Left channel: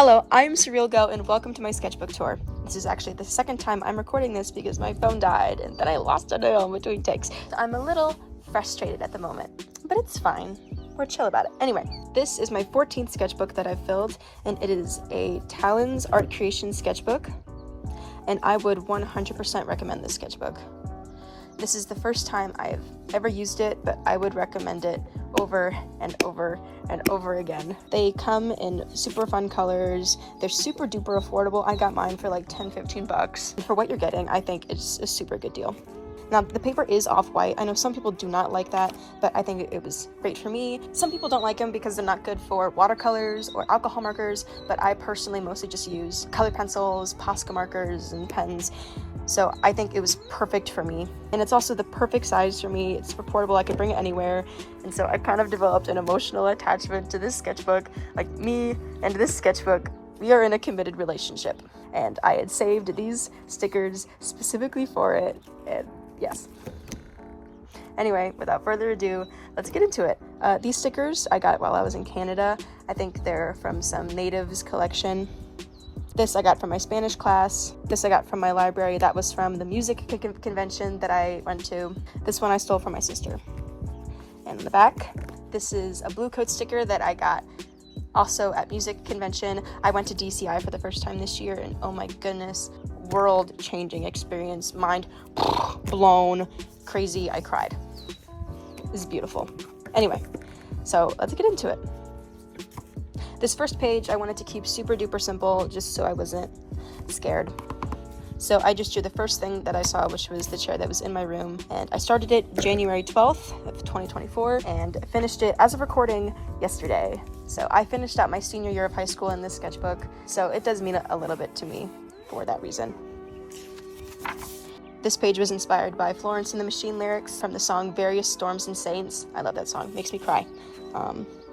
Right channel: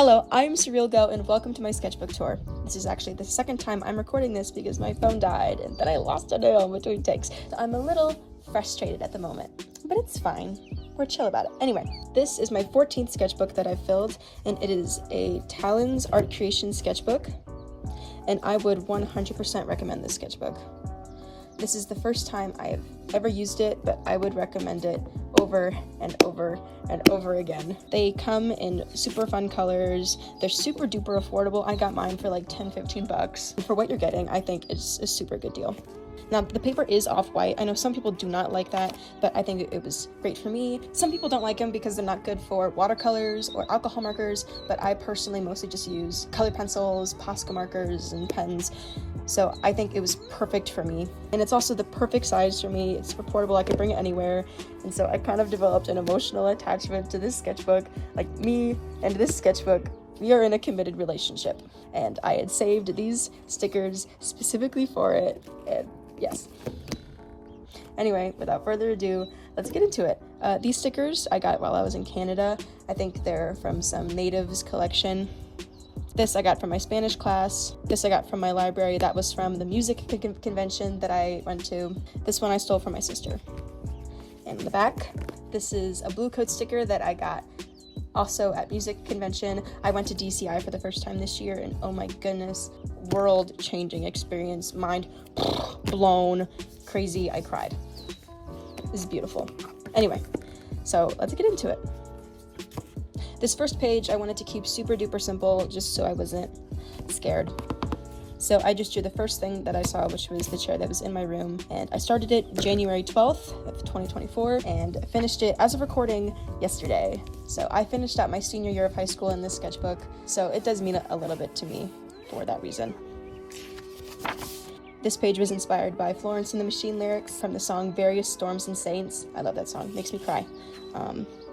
Hello, I'm Surreal Go and welcome to my sketchbook tour. This is actually the second time I'm recording this because my phone died and then I lost a nail in between takes. So I'm a little frustrated at the moment, but it's fine. We're chill about it. Anyway, this is my 14th sketchbook that I've filled, and it is a Talon's art creation sketchbook, and I would 100% recommend this sketchbook. This is the first time I've ever used it, but I would recommend it over and over and over again. They come in super fun colors. They're super duper affordable. I got mine for like 10-15 bucks. For what you're getting, I think it's a super good deal. Now, the paper is off-white. I know some people do not like that, but I think it was great for me. Some people don't like them because they're not good for watercolors or alcohol markers, but I personally mostly just use colored pencils, Posca markers, and pens. So I think it was perfect for me. And it's also the perfect size for me. It's portable, I could bring it anywhere. And so I kind of developed an emotional attachment to this sketchbook. Like, me and this sketchbook, we are in a committed relationship. And I had saved these stickers specifically for it, and yes. Anyway, without further ado, let's get into it. These stickers I got while I was in Canada. I think they're from some natives collection. This I got from my Spanish class. This I got from my library. That was from the music convention that I went to. This one I stole from my sister. And in the back, this is a blue coat sticker that I got also at music convention. I went to DCI for the first time this year, and oh my goodness, world-changing experience, mind blown, crazy, I cried. This is beautiful. Anyway, so let's get into it. This first page I wanted to keep super duper simple just so I wasn't scared. So I just drew the first thing that I saw, which was the chair that was in my room, and I started it January 12th of 2024 and finished it as of recording yesterday. So I finished out my senior year of high school in this sketchbook, so it does mean a little bit to me for that reason. This page was inspired by Florence and the Machine lyrics from the song Various Storms and Saints. I love that song, makes me cry.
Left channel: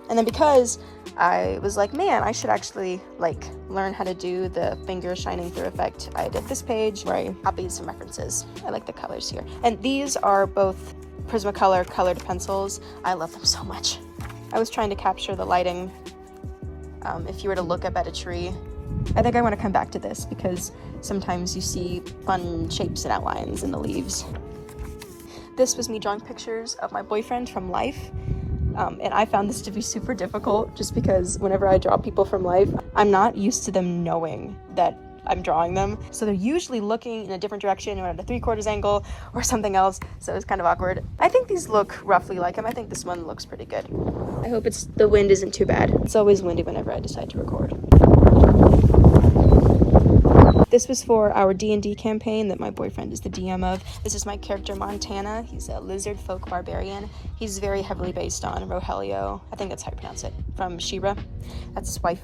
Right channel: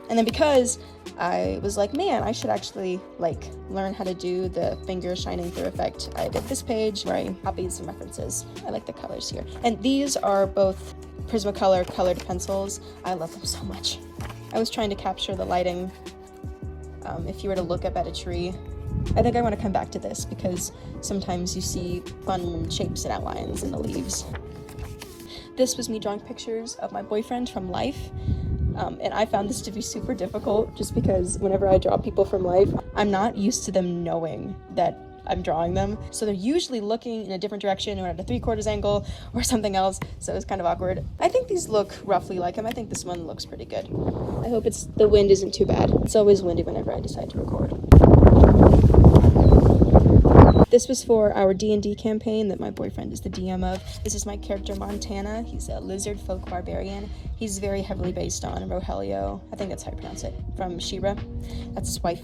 And then because I was like, man, I should actually learn how to do the finger shining through effect, I did this page where I copied some references. I like the colors here. And these are both Prismacolor colored pencils. I love them so much. I was trying to capture the lighting. If you were to look up at a tree, I think I want to come back to this because sometimes you see fun shapes and outlines in the leaves. This was me drawing pictures of my boyfriend from life. And I found this to be super difficult just because whenever I draw people from life, I'm not used to them knowing that I'm drawing them. So they're usually looking in a different direction or at a 3/4 angle or something else. So it's kind of awkward. I think these look roughly like him. I think this one looks pretty good. I hope the wind isn't too bad. It's always windy whenever I decide to record. This was for our D&D campaign that my boyfriend is the DM of. This is my character Montana. He's a lizard folk barbarian. He's very heavily based on Rogelio, I think that's how you pronounce it, from She-Ra. That's his wife.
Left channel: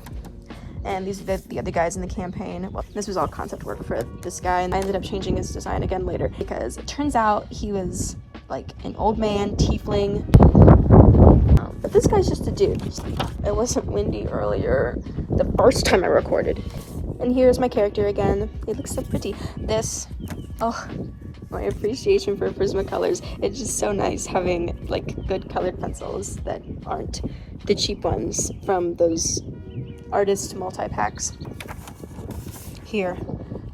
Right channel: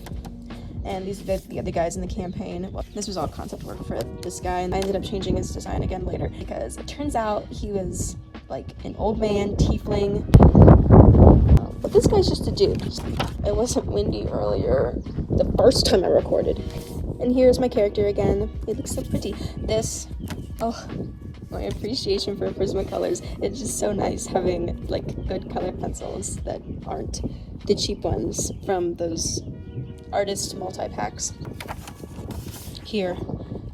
And these are the other guys in the campaign. Well, this was all concept work for this guy, and I ended up changing his design again later because it turns out he was like an old man, tiefling. But this guy's just a dude. It wasn't windy earlier the first time I recorded. And here's my character again. It looks so pretty. My appreciation for Prismacolors. It's just so nice having good colored pencils that aren't the cheap ones from those artist multi-packs. Here,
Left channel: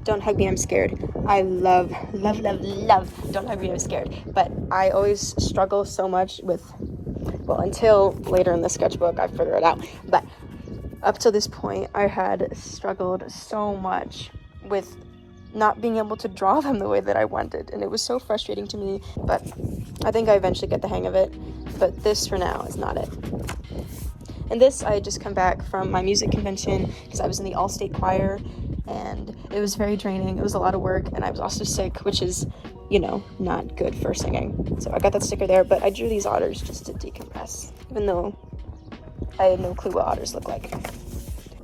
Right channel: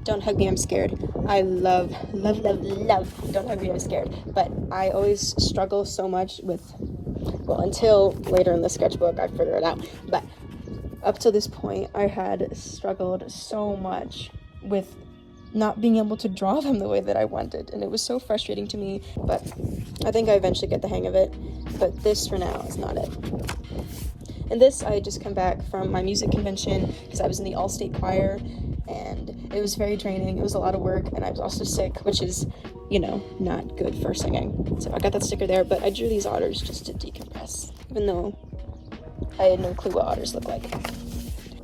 Don't Hug Me, I'm Scared. I love Don't Hug Me, I'm Scared. But I always struggle so much with, well, until later in the sketchbook I figure it out. But up to this point, I had struggled so much with not being able to draw them the way that I wanted, and it was so frustrating to me, but I think I eventually get the hang of it, but this for now is not it. And this, I had just come back from my music convention because I was in the all-state choir, and it was very draining. It was a lot of work, and I was also sick, which is, not good for singing. So I got that sticker there, but I drew these otters just to decompress, even though I had no clue what otters look like.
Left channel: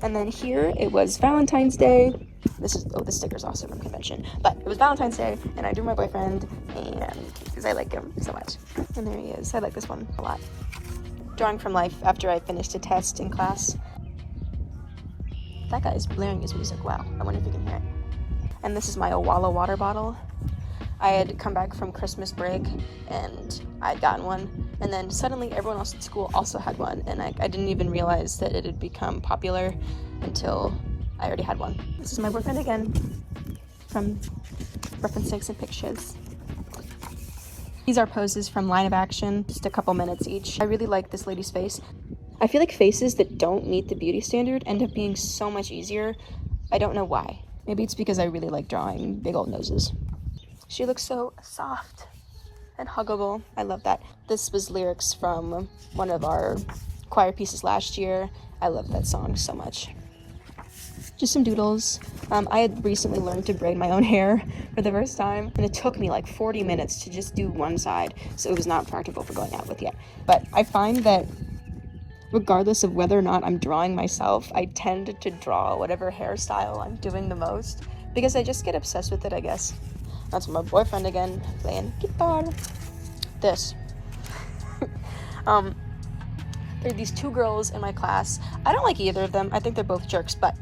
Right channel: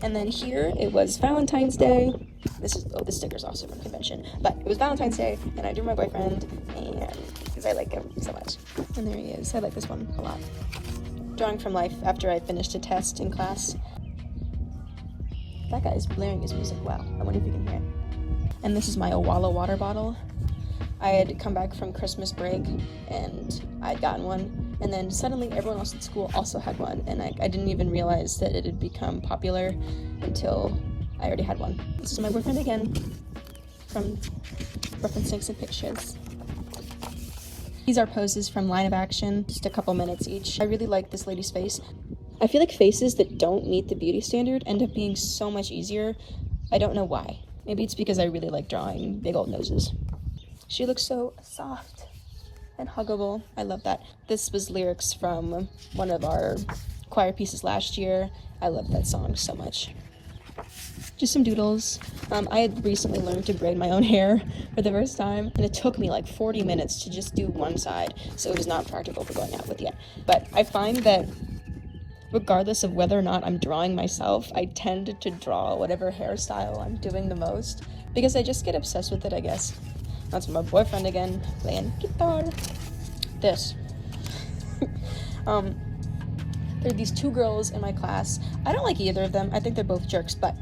And then here, it was Valentine's Day. This sticker's also from convention. But it was Valentine's Day, and I drew my boyfriend, and because I like him so much. And there he is. I like this one a lot. Drawing from life after I finished a test in class. That guy is blaring his music. Wow. I wonder if you can hear it. And this is my Owala water bottle. I had come back from Christmas break, and I had gotten one And then suddenly everyone else at school also had one, and I didn't even realize that it had become popular until I already had one. This is my boyfriend again, from Reference Stakes and Pictures. These are poses from Line of Action, just a couple minutes each. I really like this lady's face. I feel like faces that don't meet the beauty standard end up being so much easier. I don't know why. Maybe it's because I really like drawing big old noses. She looks so soft and huggable. I love that. This was lyrics from one of our choir pieces last year. I love that song so much. Just some doodles. I had recently learned to braid my own hair for the first time, and it took me like 40 minutes to just do one side, so it was not practical for going out with yet. But I find that regardless of whether or not I'm drawing myself, I tend to draw whatever hairstyle I'm doing the most, because I just get obsessed with it, I guess. That's my boyfriend again, playing guitar. This. There are these two girls in my class. I don't like either of them. I think they're both jerks, but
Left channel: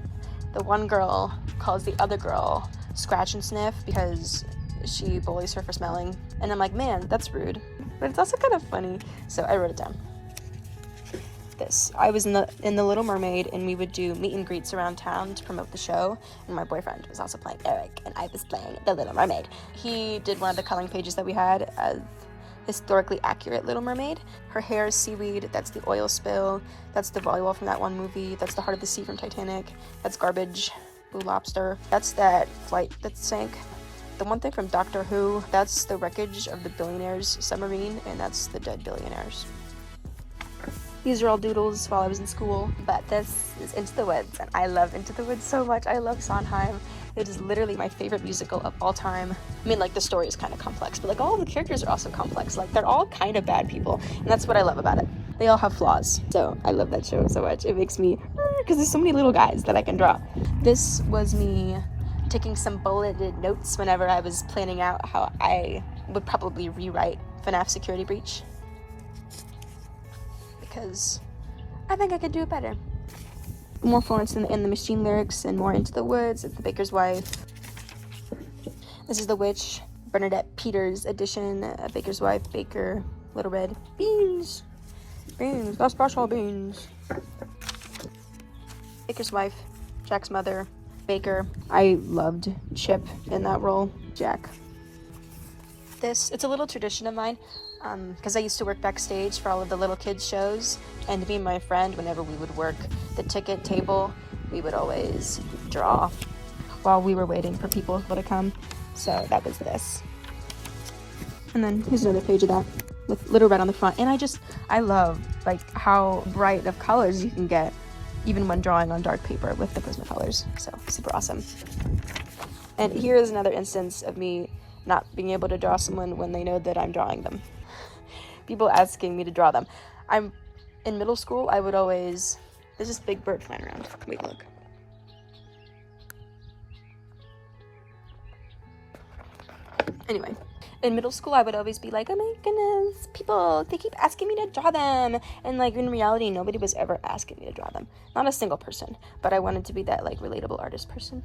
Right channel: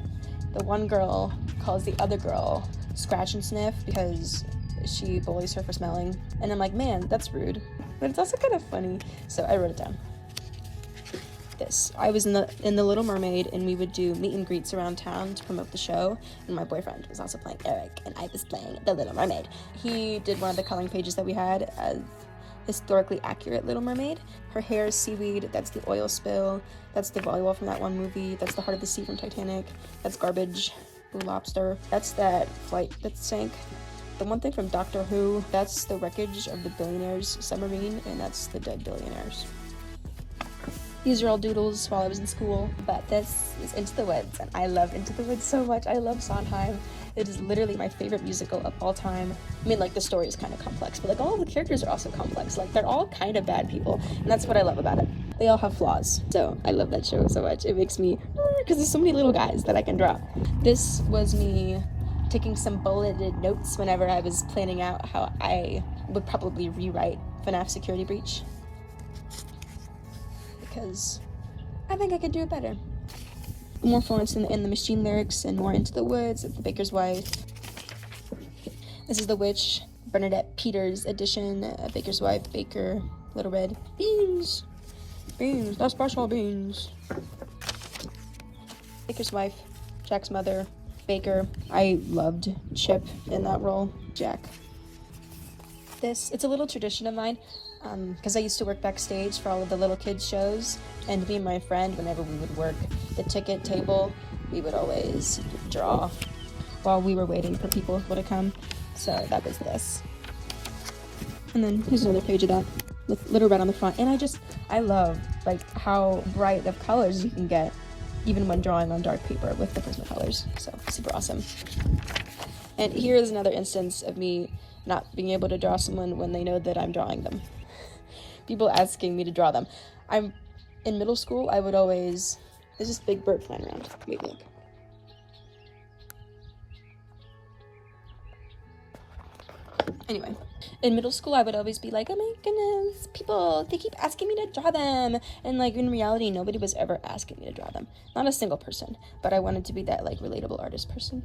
the one girl calls the other girl Scratch and Sniff because she bullies her for smelling. And I'm like, man, that's rude. But it's also kind of funny, so I wrote it down. This. I was in the Little Mermaid, and we would do meet and greets around town to promote the show, and my boyfriend was also playing Eric, and I was playing the Little Mermaid. He did one of the coloring pages that we had, a historically accurate Little Mermaid. Her hair is seaweed, that's the oil spill, that's the volleyball from that one movie, that's the Heart of the Sea from Titanic, that's Garbage, Blue Lobster, that's that flight that sank. The one thing from Doctor Who, that's the wreckage of the billionaire's submarine, and that's the dead billionaires. These are all doodles while I was in school, but this is Into the Woods, and I love Into the Woods so much. I love Sondheim. It is literally my favorite musical of all time. I mean, like, the story is kind of complex, but, like, all the characters are also complex. Like, they're all kind of bad people, and that's what I love about it. They all have flaws, so I love that show so much. It makes me, because there's so many little guys that I can draw. This was me taking some bulleted notes whenever I was planning out how I would probably rewrite FNAF Security Breach, because I think I could do it better. More Florence in the Machine lyrics, and more Into the Woods. It's The Baker's Wife. This is The Witch, Bernadette Peters edition, Baker's Wife, Baker, Little Red. Beans! Beans, the special beans. Baker's Wife, Jack's mother, Baker. I loved Chip in that role, Jack. It's a little tradition of mine, because I used to work backstage for all of the little kids shows, and me and my friend, whenever we would work the ticket table, we would always draw while we were waiting for people to come. So that was this. And then here's another page of that with Little Red on the front. And I love like how bright of colors you can get even when drawing on dark paper with the Prismacolors. So super awesome. And here is another instance of me not being able to draw someone when they know that I'm drawing them. People asking me to draw them. In middle school, I would always, there's this big bird flying around. Wait, look. Anyway, in middle school, I would always be like, oh my goodness, people, they keep asking me to draw them. And like, in reality, nobody was ever asking me to draw them. Not a single person, but I wanted to be that like relatable artist person.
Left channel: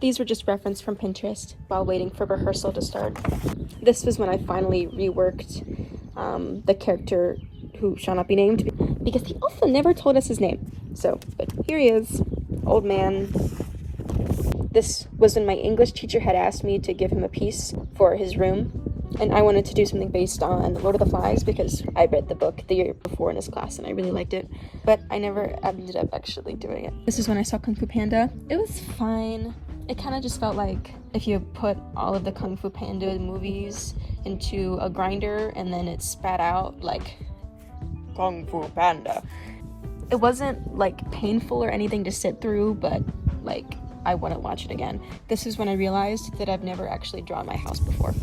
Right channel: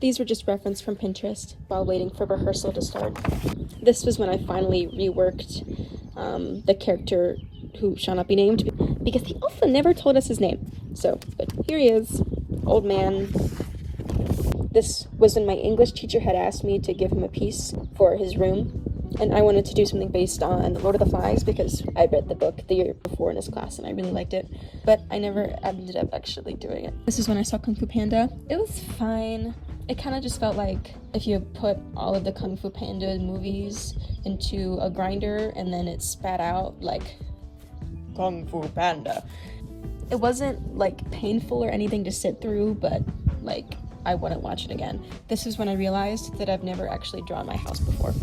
These were just referenced from Pinterest while waiting for rehearsal to start. This was when I finally reworked the character who shall not be named, because he also never told us his name. So, but here he is, old man. This was when my English teacher had asked me to give him a piece for his room, and I wanted to do something based on The Lord of the Flies because I read the book the year before in his class and I really liked it, but I never ended up actually doing it. This is when I saw Kung Fu Panda. It was fine. It kind of just felt like if you put all of the Kung Fu Panda movies into a grinder and then it spat out like Kung Fu Panda. It wasn't like painful or anything to sit through, but like I wouldn't watch it again. This is when I realized that I've never actually drawn my house before.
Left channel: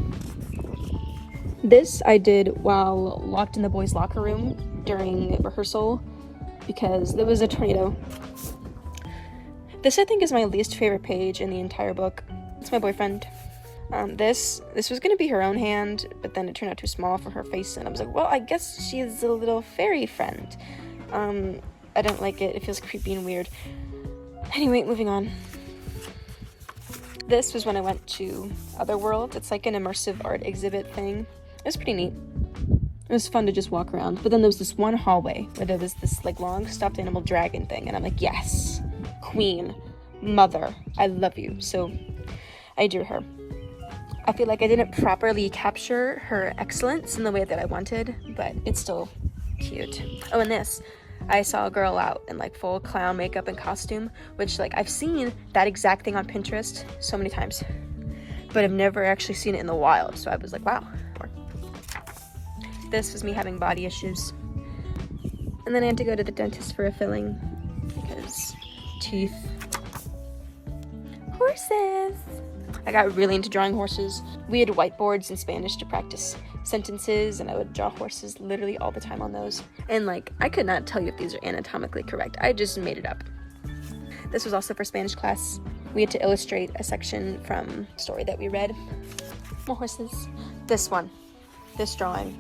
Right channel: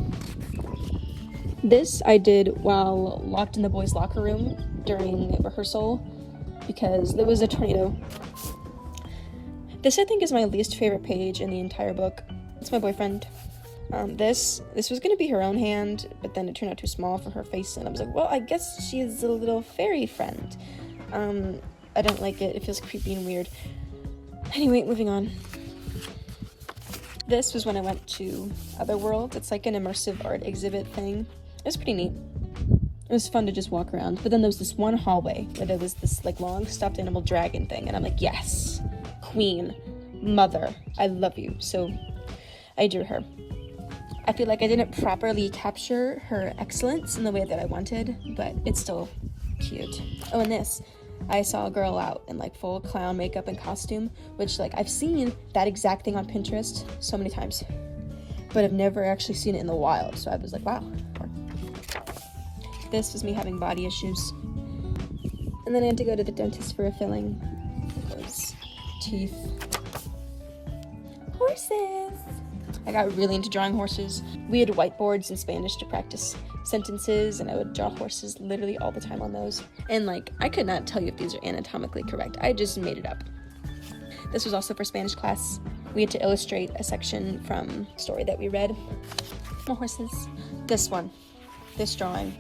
This I did while locked in the boys' locker room during rehearsal because there was a tornado. This I think is my least favorite page in the entire book. It's my boyfriend. This was gonna be her own hand, but then it turned out too small for her face, and I was like, well, I guess she's a little fairy friend. I don't like it. It feels creepy and weird. Anyway, moving on. This was when I went to Otherworld. It's like an immersive art exhibit thing. It was pretty neat. It was fun to just walk around. But then there was this one hallway where there was this like long stuffed animal dragon thing. And I'm like, yes, queen, mother, I love you. So I drew her. I feel like I didn't properly capture her excellence in the way that I wanted, but it's still cute. Oh, and this, I saw a girl out in like full clown makeup and costume, which like I've seen that exact thing on Pinterest so many times, but I've never actually seen it in the wild. So I was like, wow. This was me having body issues. And then I had to go to the dentist for a filling because teeth. Horses. I got really into drawing horses. We had whiteboards in Spanish to practice sentences, and I would draw horses literally all the time on those. And like, I could not tell you if these are anatomically correct. I just made it up. This was also for Spanish class. We had to illustrate a section from a story that we read. More horses. This one, this drawing,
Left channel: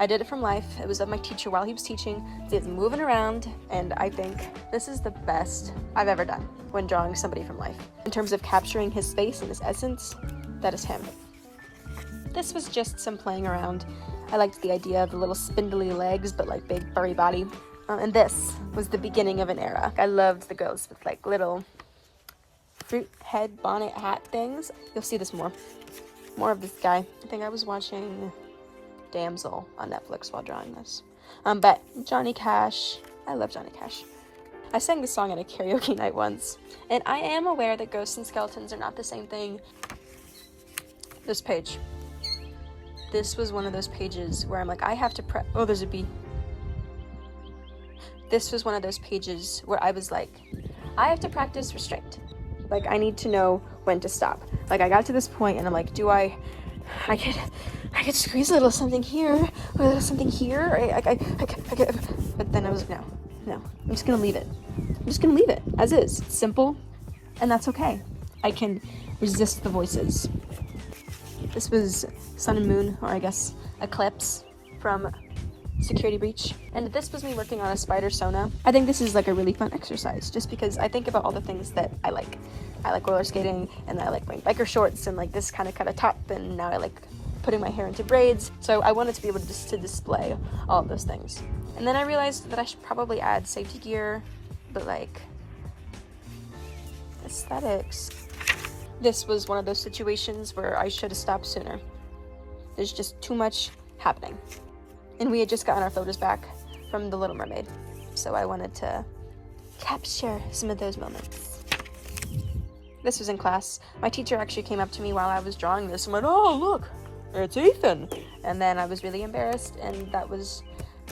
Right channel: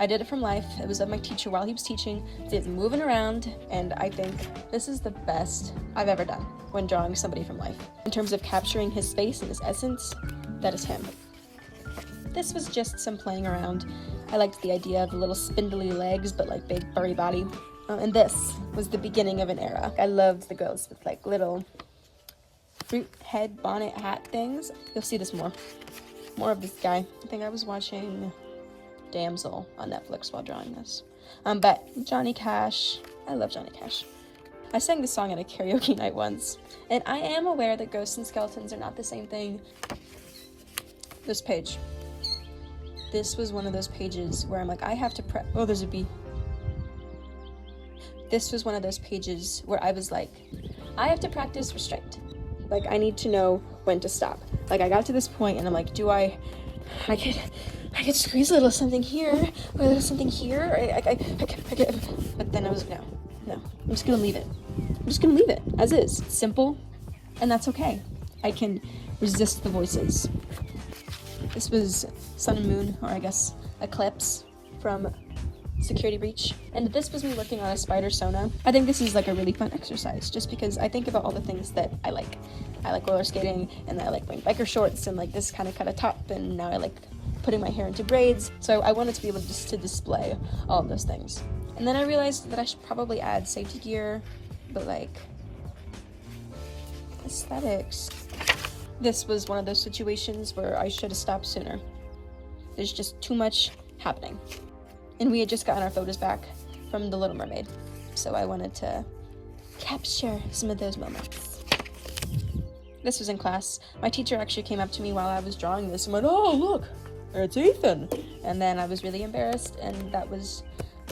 I did it from life. It was of my teacher while he was teaching. So he's moving around, and I think this is the best I've ever done when drawing somebody from life. In terms of capturing his face and his essence, that is him. This was just some playing around. I liked the idea of the little spindly legs, but like big furry body. And this was the beginning of an era. I loved the girls with like little fruit head bonnet hat things. You'll see this more of this guy. I think I was watching Damsel on Netflix while drawing this. But Johnny Cash, I love Johnny Cash. I sang this song at a karaoke night once, and I am aware that ghosts and skeletons are not the same thing. This page. This was one of those pages where I'm like, I have to oh, there's a bee. This was one of those pages where I was like, I have to practice restraint. Like, I need to know when to stop. Like, I got to this point and I'm like, I could squeeze a little something here, or a little something here. I could, but then I was like, no, I'm just gonna leave it. I'm just gonna leave it as is. Simple, and that's okay. I can resist the voices. This was Sun and Moon, or I guess Eclipse, from Security Breach. And this was me working on a spider Sona. I think this is like a really fun exercise, just because I think about all the things that I like. I like roller skating, and I like wearing biker shorts, and like this kind of cut a top, and now I like putting my hair into braids. So I wanted to be able to display all of those things. And then I realized that I should probably add safety gear, but like aesthetics. This was one of those situations where I should have stopped sooner. There's just too much happening. And we had just gotten our photos back from The Little Mermaid, so I wanted to capture some of those moments. This was in class. My teacher actually came up to me while I was drawing this and went, "Oh, look, it's Ethan." And then I was really embarrassed, and that was,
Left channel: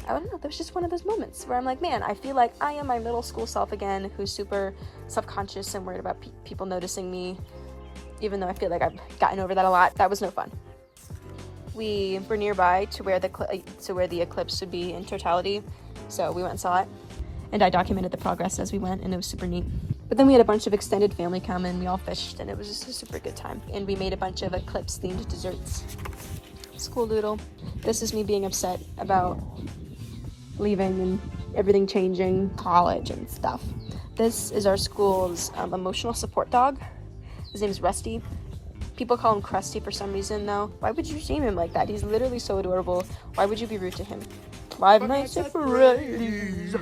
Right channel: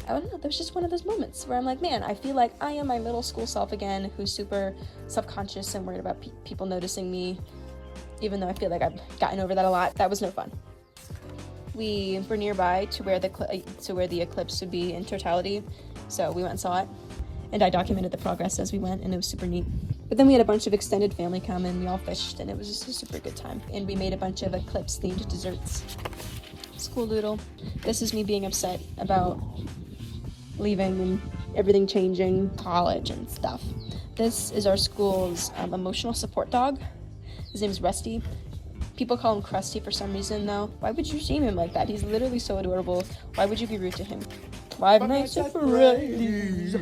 I don't know, there's just one of those moments where I'm like, man, I feel like I am my middle school self again, who's super self-conscious and worried about people noticing me, even though I feel like I've gotten over that a lot. That was no fun. We were nearby to where the eclipse would be in totality, so we went and saw it, and I documented the progress as we went, and it was super neat. But then we had a bunch of extended family come, and we all fished, and it was just a super good time. And we made a bunch of eclipse-themed desserts. School doodle. This is me being upset about leaving and everything changing, college and stuff. This is our school's emotional support dog. His name's Rusty. People call him Krusty for some reason, though. Why would you shame him like that? He's literally so adorable. Why would you be rude to him? 5 Nights at Freddy's.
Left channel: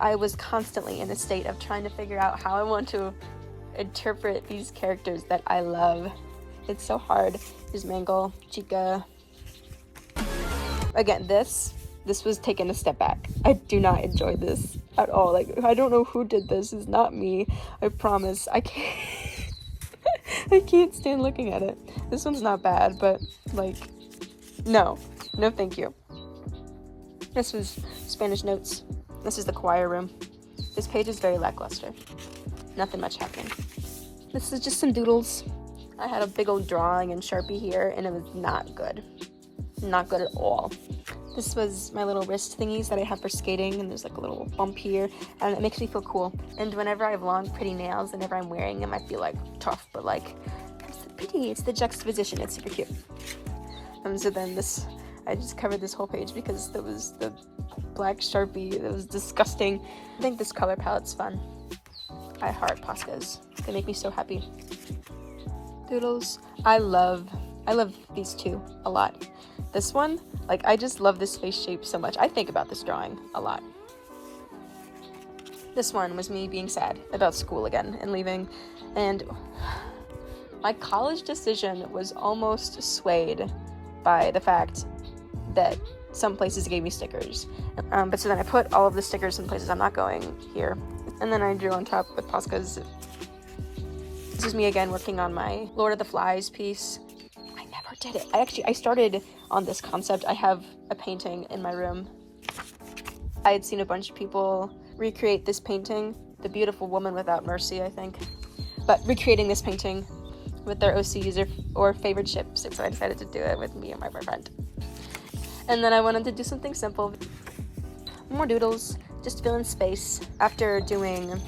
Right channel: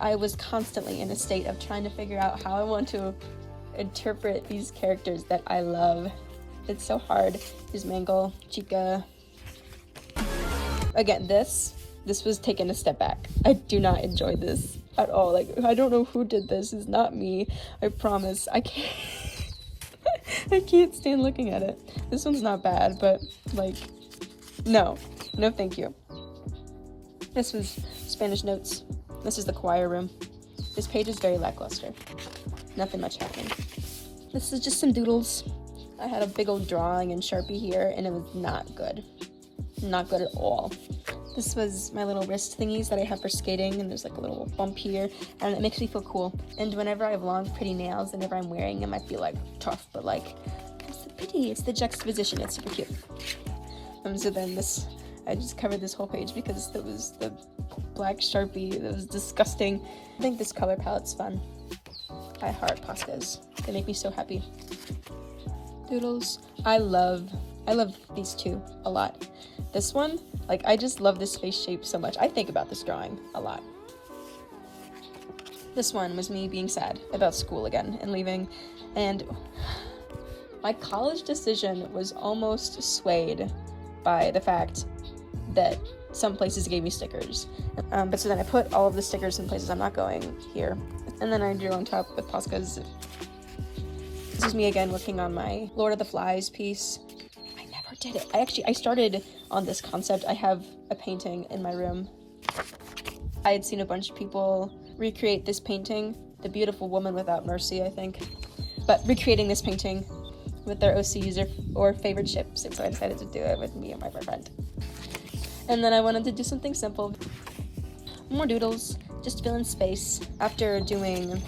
I was constantly in a state of trying to figure out how I want to interpret these characters that I love. It's so hard. There's Mangle, Chica. Again, this was taken a step back. I do not enjoy this at all. Like, I don't know who did this. It's not me. I promise. I can't. I can't stand looking at it. This one's not bad, but like, no thank you. This was Spanish notes. This is the choir room. This page is very lackluster. Nothing much happening. This is just some doodles. I had a big old drawing in Sharpie here, and it was not good. Not good at all. This was my little wrist thingies that I have for skating, and there's like a little bump here, and it makes me feel cool. And whenever I have long, pretty nails, whenever I'm wearing them, I feel like tough, but like, it's the pity, it's the juxtaposition, it's super cute. So then I just covered this whole page because there was the black Sharpie. It was disgusting. I think this color palette's fun. I heart pastas. They make me so happy. Doodles. I love these two a lot. This one, like, I just love this face shape so much. I think about this drawing a lot. This one was me being sad about school again and leaving, and my college decision was almost swayed by the fact that some places gave me stickers. But so then I put all of the stickers in places I'm not going here, and then I drew on top with Poscas. This is me again working on my Lord of the Flies piece. I never did it. I started on this concept. I have a painting in my room. I had seen a bunch of people recreate this painting, The Beautiful Woman Without Mercy, I think, but recreating this painting with their OCs or favorite ships, and so I decided to do it with me and my boyfriend. And then I wanted to do something simple, more doodles, just fill in space. After doing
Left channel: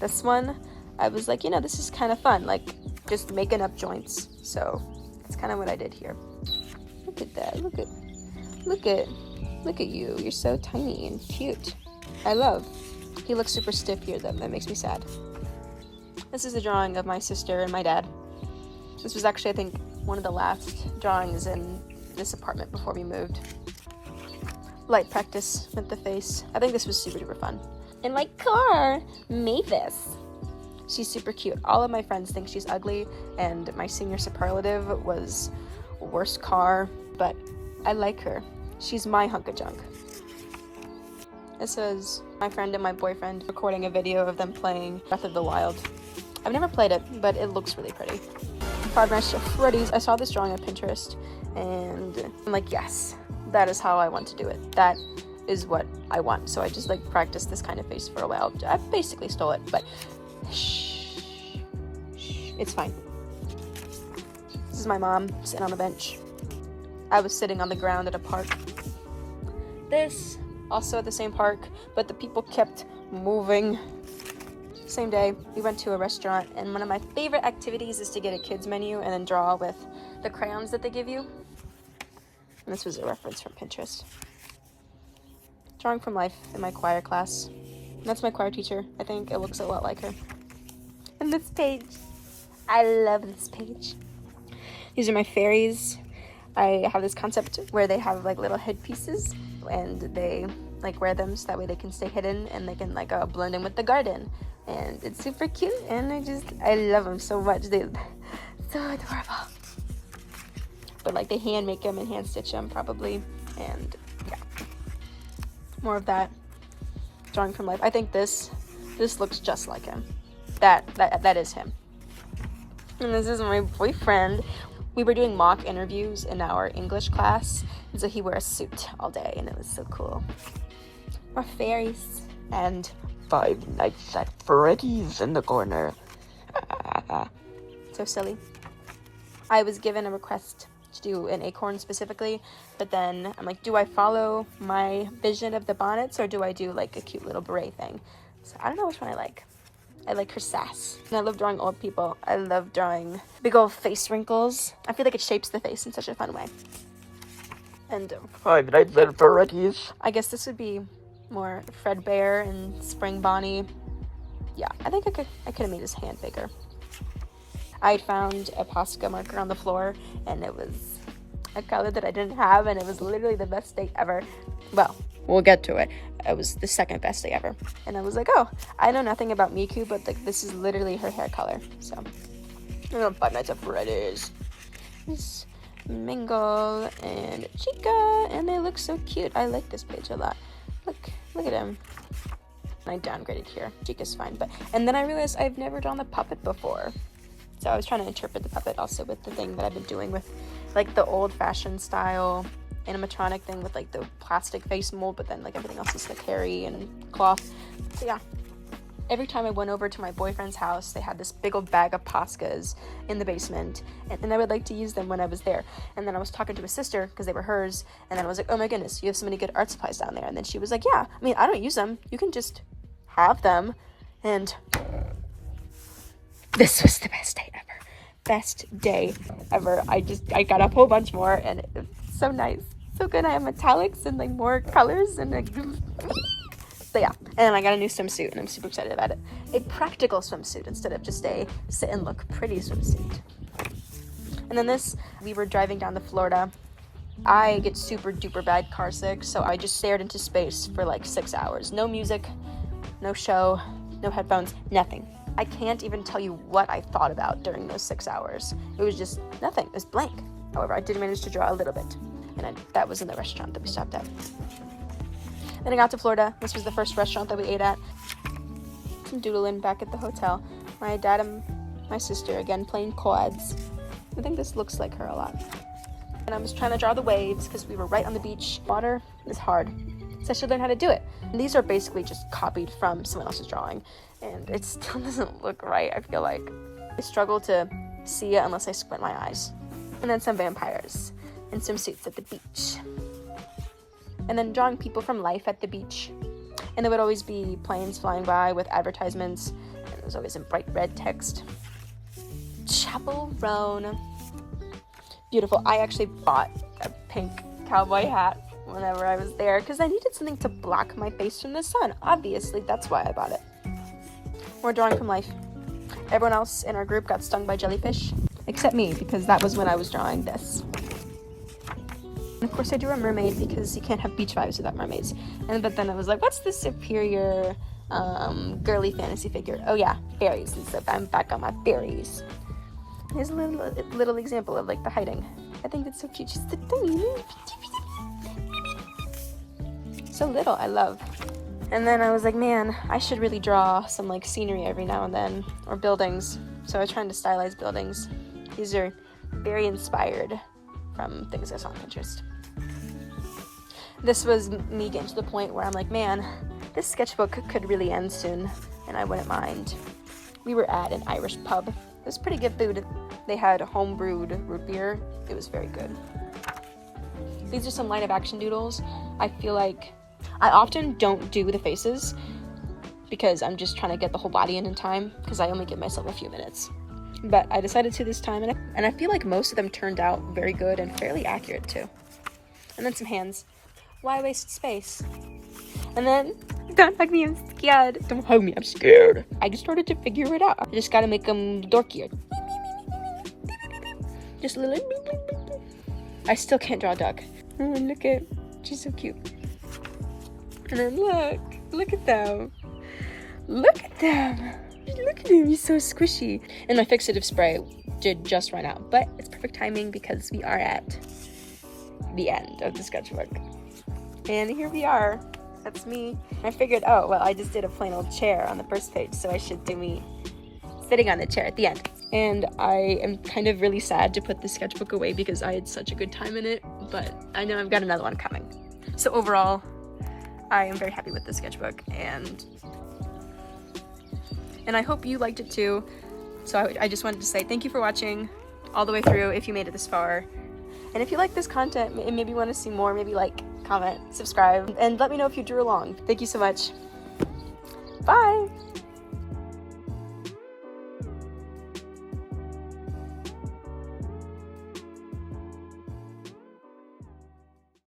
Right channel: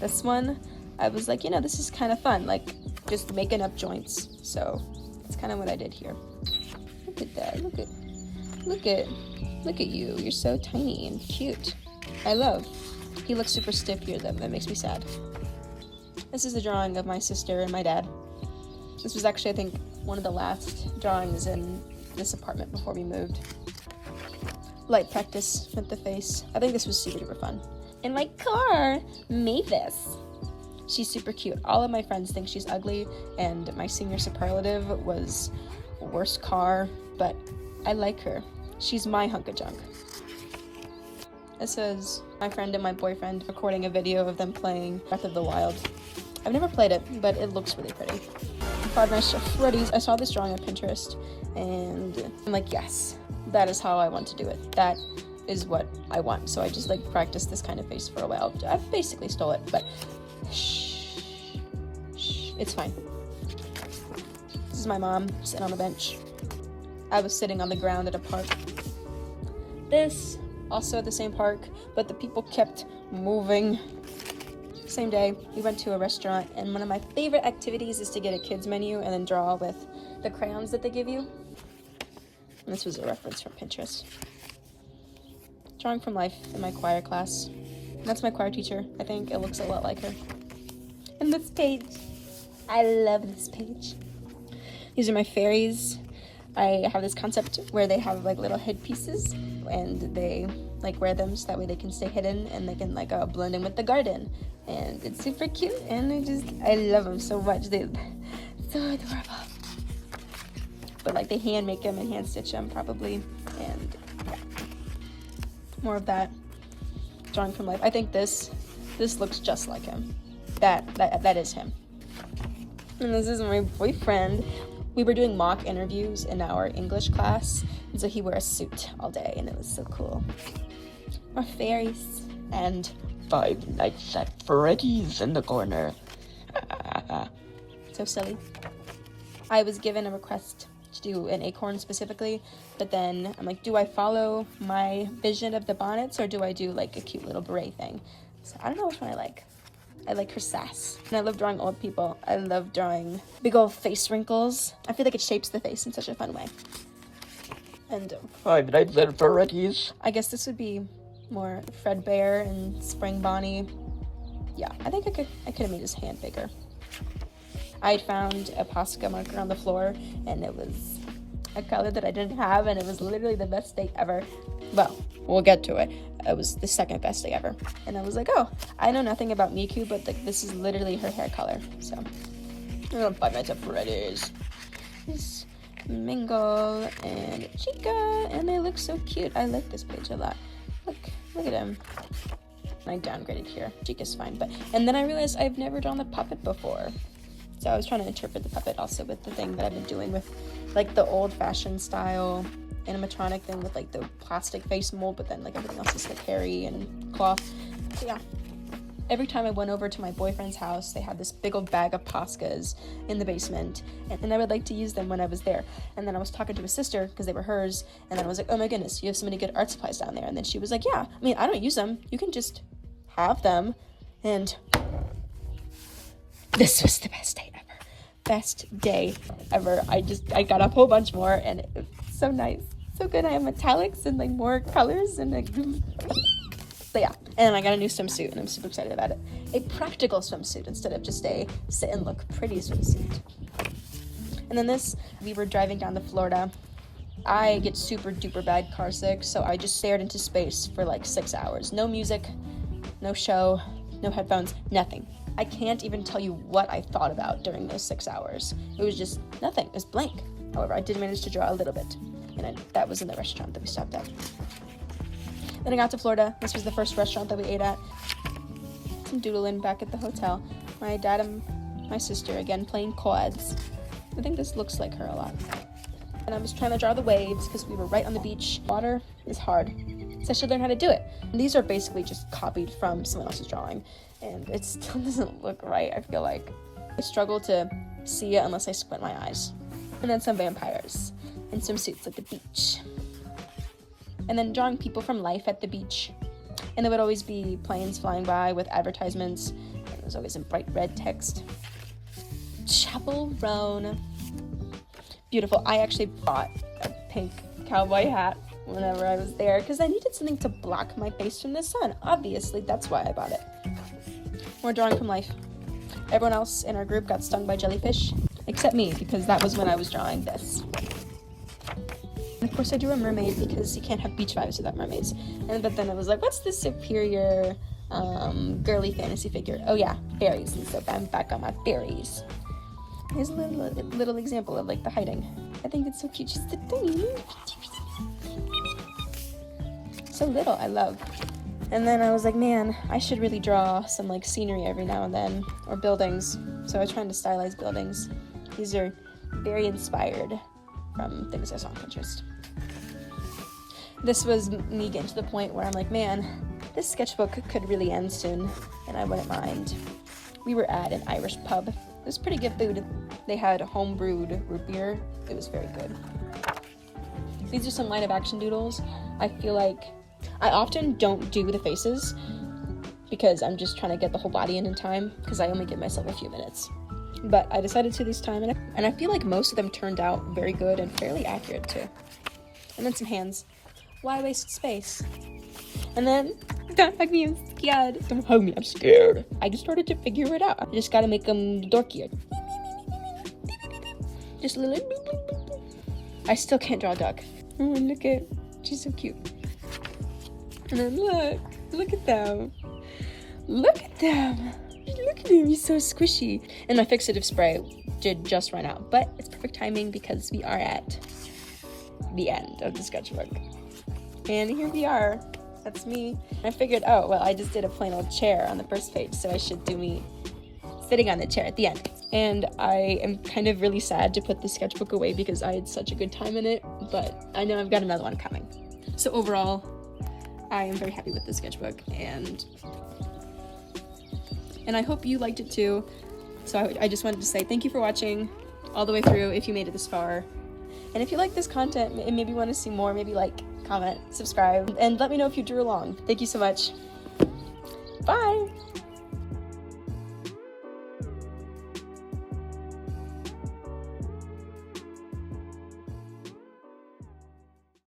this one, I was like, this is kind of fun, like just making up joints. So that's kind of what I did here. Look at that, look at you, you're so tiny and cute. I love. He looks super stiff here though, that makes me sad. This is a drawing of my sister and my dad. This was actually, I think, one of the last drawings in this apartment before we moved. Light practice with the face. I think this was super duper fun. And my car made this. She's super cute. All of my friends think she's ugly, and my senior superlative was worst car, but I like her. She's my hunk of junk. This is my friend and my boyfriend recording a video of them playing Breath of the Wild. I've never played it, but it looks really pretty. Five Nights at Freddy's. I saw this drawing on Pinterest, and I'm like, yes, that is how I want to do it. That is what I want. So I just like practiced this kind of face for a while. I basically stole it, but shh, it's fine. This is my mom sitting on the bench. I was sitting on the ground at a park. This, also at the same park, but the people kept moving. Same day, we went to a restaurant, and one of my favorite activities is to get a kids menu and then draw with the crayons that they give you. And this was a reference from Pinterest. Drawing from life in my choir class. That's my choir teacher. I think it looks a lot like her. And this page. I love this page. These are my fairies. I have this concept where they have like little headpieces, and they like wear them so that way they can stay hidden and they can like blend in with the garden. And it's super cute, and I love them so much. They're so adorable. But like they hand make them and hand stitch them probably, and yeah. More of that. Drawing from life. I think this looks just like him. That is him. And this is my boyfriend. We were doing mock interviews in our English class, and so he wore a suit all day, and it was so cool. More fairies. And Five Nights at Freddy's in the corner. So silly. I was given a request to do an acorn specifically, but then I'm like, do I follow my vision of the bonnets, or do I do like a cute little beret thing? So I don't know which one I like. I like her sass. And I love drawing old people. I love drawing big old face wrinkles. I feel like it shapes the face in such a fun way. And Five Nights at Freddy's. I guess this would be more Fredbear and Spring Bonnie. Yeah, I think I could have made his hand bigger. I found a Posca marker on the floor, and it was a color that I didn't have, and it was literally the best day ever. Well, we'll get to it. It was the second best day ever. And I was like, oh, I know nothing about Miku, but like this is literally her hair color. So, Five Nights at Freddy's. It's Mingle and Chica, and they look so cute. I like this page a lot. Look at him. I downgraded here. Chica's fine, and then I realized I've never drawn the puppet before. So I was trying to interpret the puppet also with the thing that I've been doing with like the old-fashioned style animatronic thing with like the plastic face mold, but then like everything else is like hairy and cloth. So yeah. Every time I went over to my boyfriend's house, they had this big old bag of Poscas in the basement, and I would like to use them when I was there. And then I was talking to his sister, because they were hers, and then I was like, oh my goodness, you have so many good art supplies down there. And then she was like, yeah, I mean, I don't use them. You can just have them. And this was the best day ever. Best day ever. I got a whole bunch more, and it's so nice. So good. I have metallics and like more colors, and like... But yeah, and I got a new swimsuit, and I'm super excited about it. A practical swimsuit instead of just a sit and look pretty swimsuit. And then we were driving down to Florida I get super duper bad car sick, so I just stared into space for like 6 hours. No music, no show, no headphones, nothing. I can't even tell you what I thought about during those 6 hours. It was just nothing. It was blank. However, I did manage to draw a little bit, and that was in the restaurant that we stopped at. Then I got to Florida. This was the first restaurant that we ate at. Some doodling back at the hotel. My dad and my sister again playing quads. I think this looks like her a lot. And I was trying to draw the waves because we were right on the beach. Water is hard, so I should learn how to do it. And these are basically just copied from someone else's drawing, and it still doesn't look right, I feel like. I struggle to see it unless I squint my eyes. And then some vampires in swimsuits at the beach. And then drawing people from life at the beach. And there would always be planes flying by with advertisements. It was always in bright red text. Chaperone. Beautiful. I actually bought a pink cowboy hat whenever I was there because I needed something to block my face from the sun. Obviously, that's why I bought it. More drawing from life. Everyone else in our group got stung by jellyfish, except me, because that was when I was drawing this. And of course, I drew a mermaid because you can't have beach vibes without mermaids. But then I was like, what's the superior girly fantasy figure? Oh yeah, fairies. And so I'm back on my fairies. Here's a little example of like the hiding. I think it's so cute. She's so little. I love. And then I was like, man, I should really draw some like scenery every now and then, or buildings. So I was trying to stylize buildings. These are very inspired from things I saw on Pinterest. This was me getting to the point where I'm like, man, this sketchbook could really end soon, and I wouldn't mind. We were at an Irish pub. It was pretty good food. They had home-brewed root beer. It was very good. These are some light of action doodles. I feel like I often don't do the faces because I'm just trying to get the whole body in time because I only give myself a few minutes. But I decided to this time, and I feel like most of them turned out very good and fairly accurate too. And then some hands. Why waste space? And then, don't hug me, I'm scared. Don't hug me, I'm scared. I just started to figure it out. I just gotta make them dorkier. Just a little. I still can't draw a duck. Oh, look at, she's so cute. And then look at them. Look at them. Look at him, he's so squishy. And my fixative spray did just run out, but it's perfect timing because we are at the end of the sketchbook. And here we are. That's me. I figured, oh, well, I just did a plain old chair on the first page, so I should do me sitting on the chair at the end. And I am kind of really sad to put the sketchbook away because I had such a good time in it, but I know I've got another one coming. So overall, I am very happy with the sketchbook, and I hope you liked it too. So I just wanted to say thank you for watching all the way through if you made it this far. And if you like this content and maybe want to see more, maybe like, comment, subscribe, and let me know if you drew along. Thank you so much. Bye!